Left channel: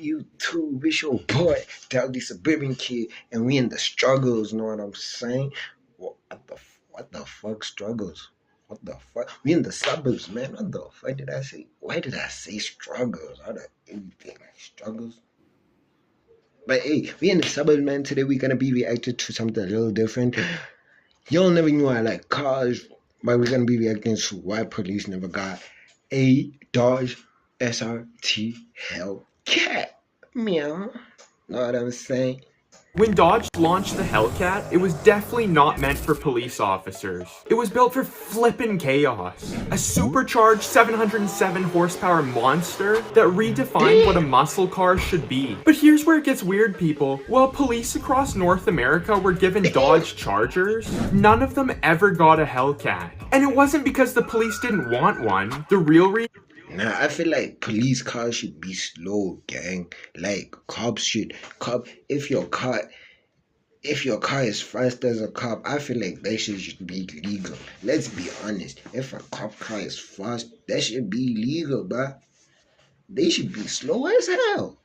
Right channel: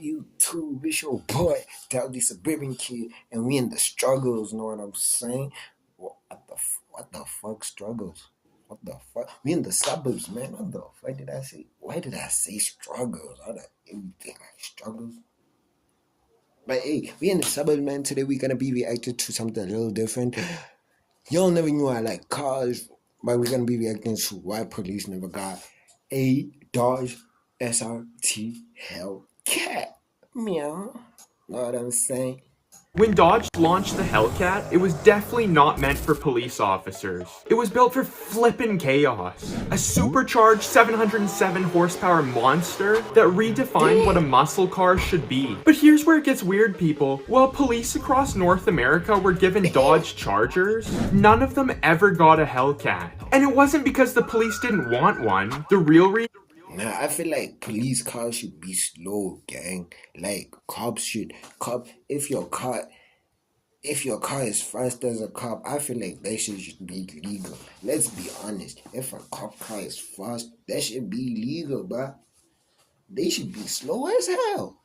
YouTube, it's your boy, the suburban kid, and we in the struggles. Know what I'm saying? What the fuck struggles? What the fuck? We in the suburbs, man. What the fuck did I say? Why did I say struggles? How did everything struggles? But hey, we in the suburbs, man. Today we're gonna be reacting to something a little different. Y'all never knew I like cars, but we're gonna be reacting to why police never got a Dodge SRT Hellcat. Meow. Know what I'm saying? When Dodge launched the Hellcat, it was definitely not meant for police officers. It was built for flippin' chaos. A supercharged 707 horsepower monster that redefined what a muscle car should be. But here's where it gets weird, people. While police across North America were given Dodge Chargers, none of them ever got a Hellcat. And it wasn't because the police didn't want one. The real reason. Nah, I feel like police cars should be slow, gang. Like if your car is fast as a cop, I feel like that shit should be legal. Let's be honest. If a cop car is fast, that should be legal, bruh. They should be slow as hell.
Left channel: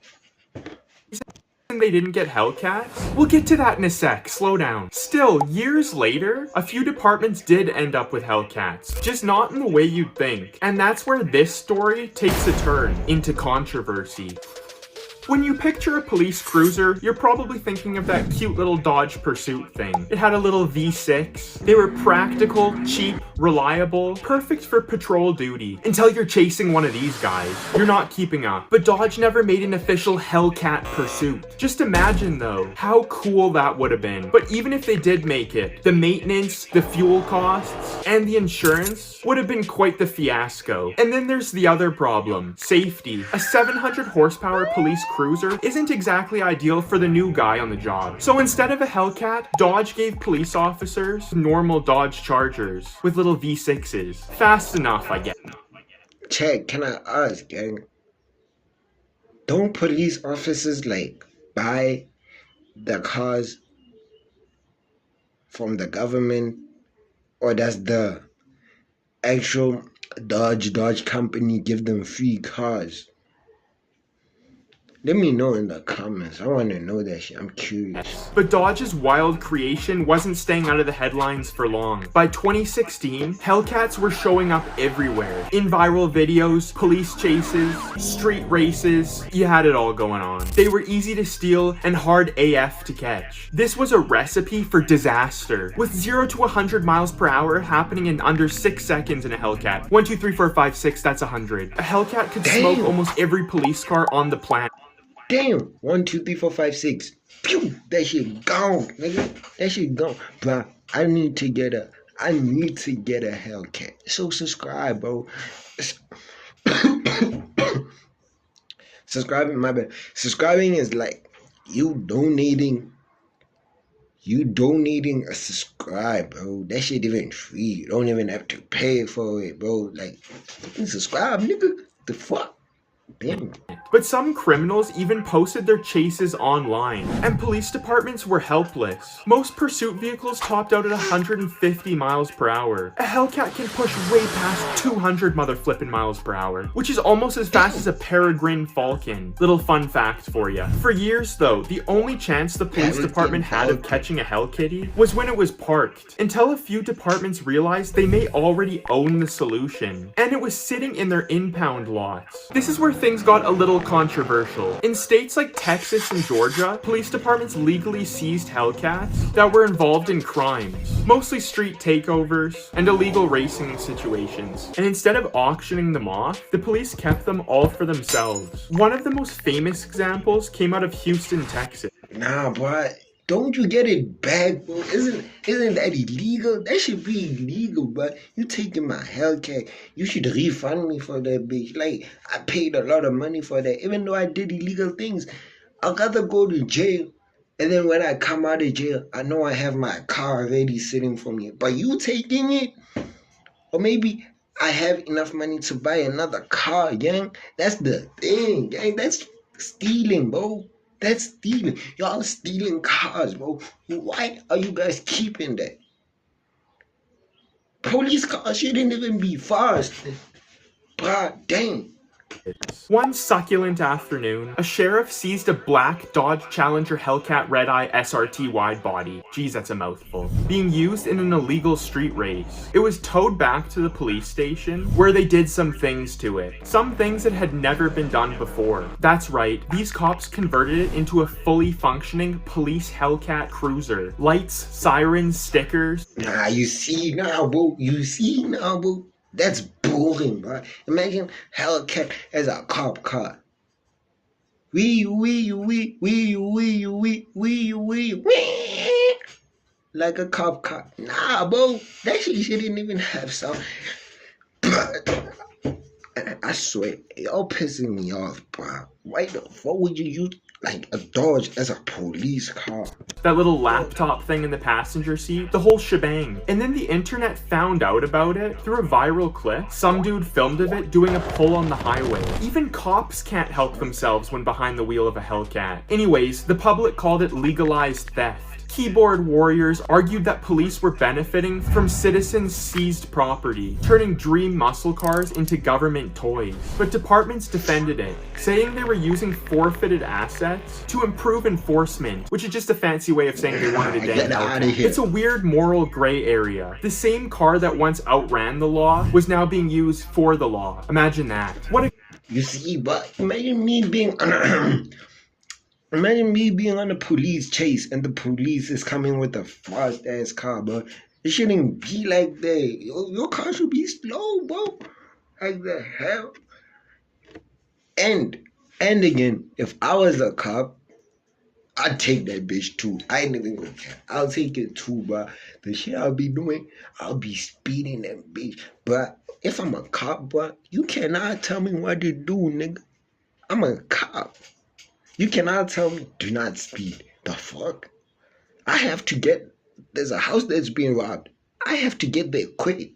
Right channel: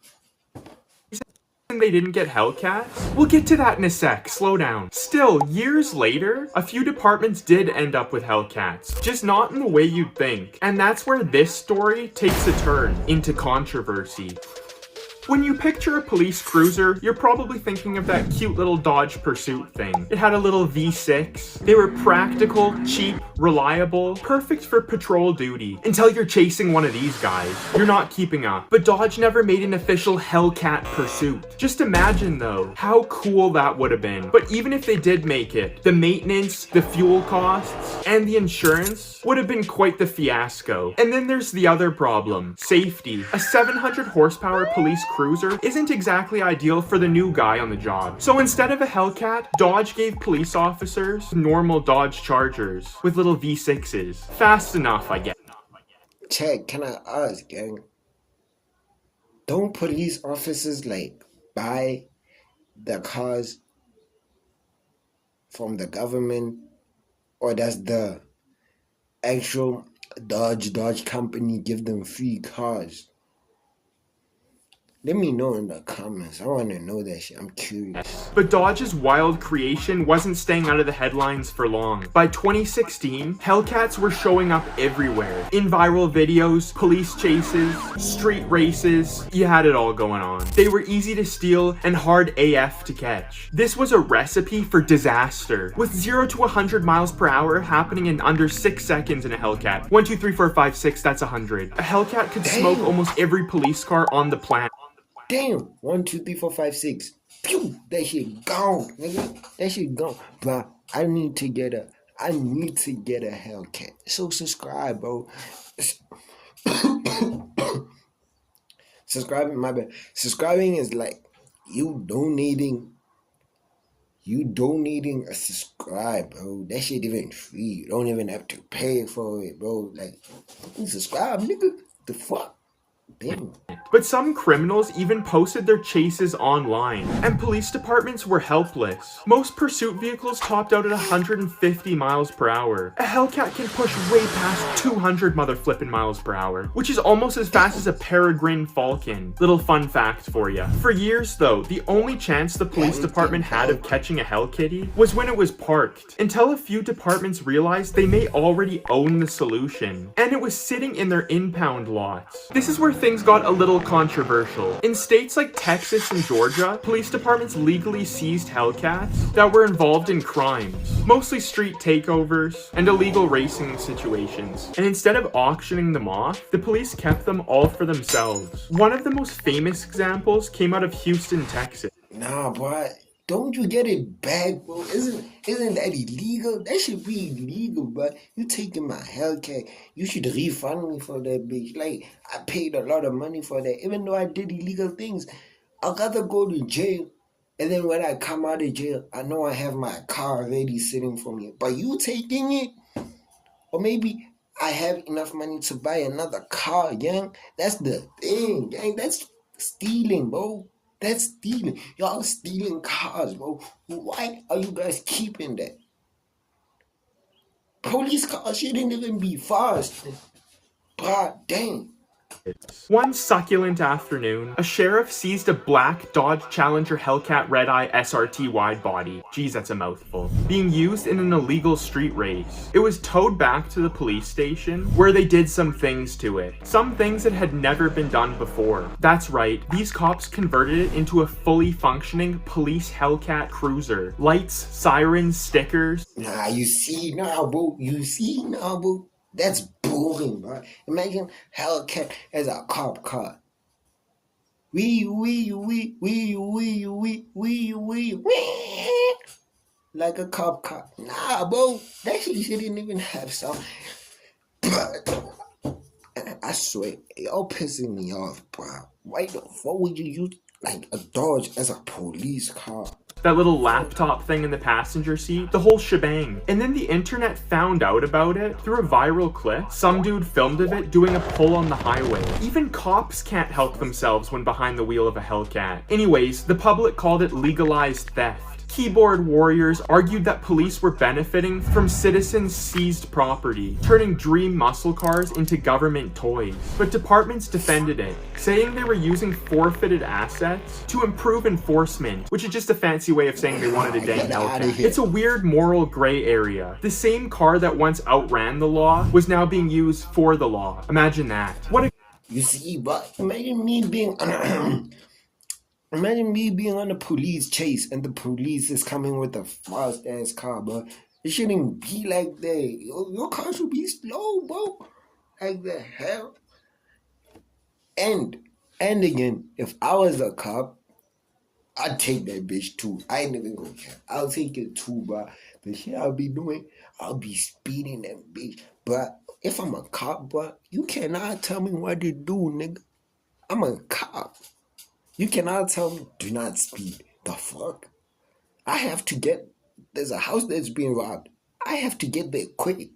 They didn't get Hellcats? We'll get to that in a sec, slow down. Still, years later, a few departments did end up with Hellcats, just not in the way you'd think. And that's where this story takes a turn into controversy. When you picture a police cruiser, you're probably thinking of that cute little Dodge Pursuit thing. It had a little V6. They were practical, cheap, reliable, perfect for patrol duty. Until you're chasing one of these guys. You're not keeping up. But Dodge never made an official Hellcat Pursuit. Just imagine though, how cool that would have been. But even if they did make it, the maintenance, the fuel costs, and the insurance would have been quite the fiasco. And then there's the other problem, safety. A 700 horsepower police cruiser isn't exactly ideal for the new guy on the job. So instead of a Hellcat, Dodge gave police officers normal Dodge Chargers with little V6s. Fast enough, I guess. Check, can I ask, gang? Don't police officers like buy the cars from the government, or does the actual Dodge company give them free cars? Let me know in the comments. I want to know that shit. I'm curious. But Dodge's wild creation wasn't staying out of the headlines for long. By 2016, Hellcats were showing up everywhere. In viral videos, police chases, street races, you had it all going on. They were easy to steal and hard AF to catch. This was a recipe for disaster, with 0 to 100 miles per hour happening in under 6 seconds in a Hellcat. 1, 2, 3, 4, 5, 6, that's 100. A Hellcat could smoke almost every police car on the planet. Damn, 1, 2, 3, 4, 5, 6. Pew, that shit gone, nigga. That shit gone, bro. I need to get a Hellcat. So subscribe, bro. Subscribing, my bad. Subscribing is like you donating a subscribe, bro. That shit even free. You don't even have to pay for it, bro. Like, you subscribe, nigga. The fuck? Damn. But some criminals even posted their chases online, and police departments were helpless. Most pursuit vehicles topped out at 150 miles per hour. A Hellcat can push way past 200 motherflippin' miles per hour, which is almost as fast as a Peregrine Falcon. Little fun fact for ya. For years though, the only chance the police department had of catching a Hellkitty was when it was parked, until a few departments realized they may already own the solution, and it was sitting in their impound lots. This is where things got a little controversial. In states like Texas and Georgia, police departments legally seized Hellcats that were involved in crimes, mostly street takeovers and illegal racing situations. And instead of auctioning them off, the police kept them all for themselves. One of the most famous examples came out of Houston, Texas. Nah, boy. Don't you get it back, bro? Isn't that illegal? That should be illegal, bro. You taking my Hellcat. You should refund me for that bitch. Like, I paid a lot of money for that. Even though I did illegal things, I gotta go to jail. And then when I come out of jail, I know I have my car already sitting for me. But you taking it? Or maybe I have enough money to buy another car, gang. That's the thing, gang. That's stealing, bro. That's stealing. Y'all stealing cars, bro. Why are you guys keeping that? Police cars shouldn't even be fast. God damn. One succulent afternoon, a sheriff seized a black Dodge Challenger Hellcat Red-Eye SRT wide body, geez that's a mouthful, being used in an illegal street race. It was towed back to the police station, where they did some things to it. Some things that had never been done before. That's right, these cops converted it into a fully functioning police Hellcat cruiser. Lights, sirens, stickers. Nah, you see now, bro. That's boring, bro. Imagine Hellcat as a cop car. Wee. Like a cop car. Nah, bro. That shit shouldn't even have sound. But I swear, y'all pissing me off, bro. Why the fuck would you use like a Dodge as a police car? That little laptop thing in the passenger seat, the whole shebang. And then the internet found out about it through a viral clip. Some dude filmed of it doing a pull on the highway. Even cops can't help themselves when behind the wheel of a Hellcat. Anyways, the public called it legalized theft. Keyboard warriors argued that police were benefiting from citizens' seized property, turning dream muscle cars into government toys. But departments defended it, saying they were using forfeited assets to improve enforcement, which is just a fancy way of saying they wanted a dang Hellcat. It's a weird moral gray area. The same car that once outran the law was now being used for the law. Imagine that. You see, but imagine me being on a police chase and the police is coming with a fast ass car, bro. It shouldn't be like that. Your car should be slow, bro. Like the hell. And again, if I was a cop, I'd take that bitch too. I ain't even gonna care. I'll take it too, bro. The shit I'll be doing, I'll be speeding that bitch. But if I'm a cop, bro, you cannot tell me what to do, nigga. I'm a cop. You cannot tell me, do not speed. The fuck? There's a house that's being robbed. I have to get there quick.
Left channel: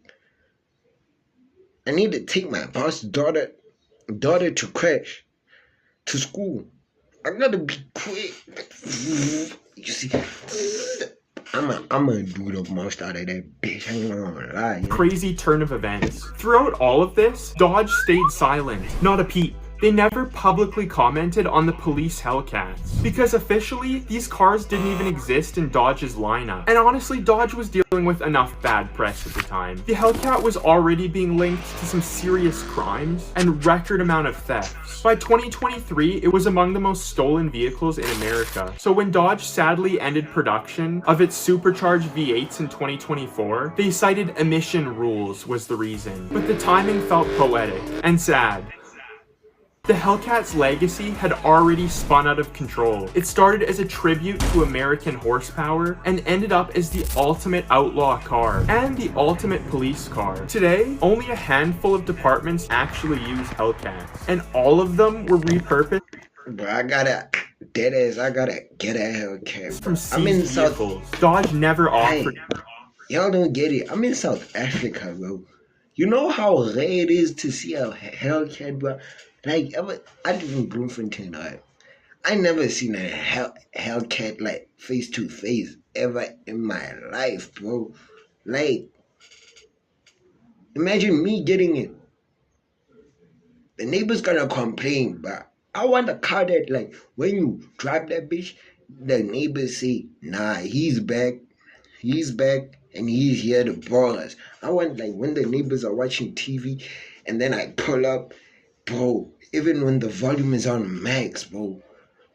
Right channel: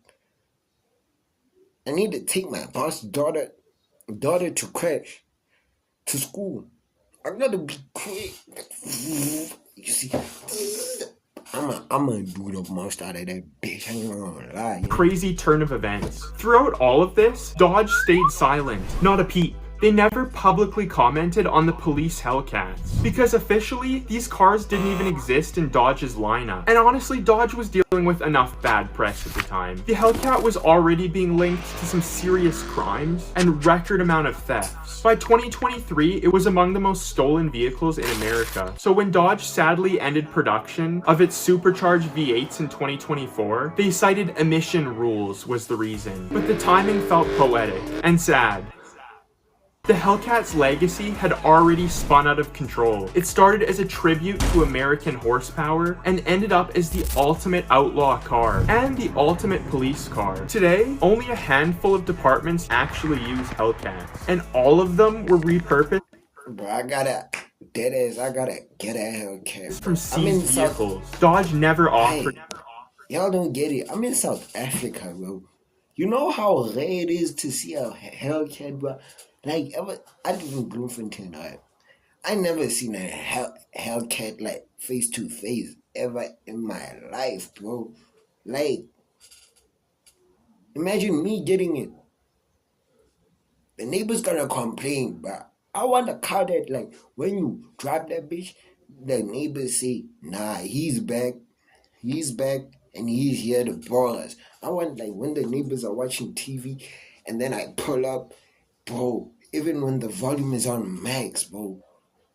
I need to take my boss' daughter to crash, to school. I gotta be quick. You see, I'm gonna do the most out of that bitch. I ain't gonna lie. Crazy turn of events. Throughout all of this, Dodge stayed silent, not a peep. They never publicly commented on the police Hellcats, because officially, these cars didn't even exist in Dodge's lineup. And honestly, Dodge was dealing with enough bad press at the time. The Hellcat was already being linked to some serious crimes and record amount of thefts. By 2023, it was among the most stolen vehicles in America. So when Dodge sadly ended production of its supercharged V8s in 2024, they cited emission rules was the reason. But the timing felt poetic and sad. The Hellcat's legacy had already spun out of control. It started as a tribute to American horsepower and ended up as the ultimate outlaw car and the ultimate police car. Today, only a handful of departments actually use Hellcats, and all of them were repurposed. Bro, I gotta get a Hellcat From seized vehicles. Dodge never offered. Y'all don't get it. I'm in South Africa, bro. You know how rare it is to see a Hellcat, bro? Like, I live in Bloemfontein, right? I never seen a Hellcat, like, face to face ever in my life, bro. Like, imagine me getting it. The neighbor's gonna complain, but I want a car that, like, when you drive that bitch, the neighbors say, nah, he's back, and he's here to ball us. I want, like, when the neighbors are watching TV, and then I pull up, bro, even when the volume is on max, bro,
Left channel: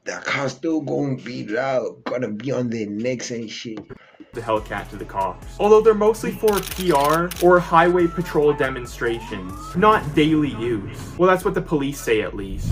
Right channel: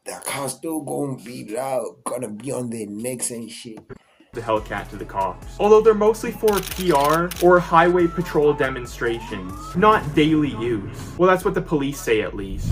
the car's still gonna be loud, gonna be on their necks and shit. The Hellcat to the cops, although they're mostly for PR or highway patrol demonstrations, not daily use. Well, that's what the police say at least.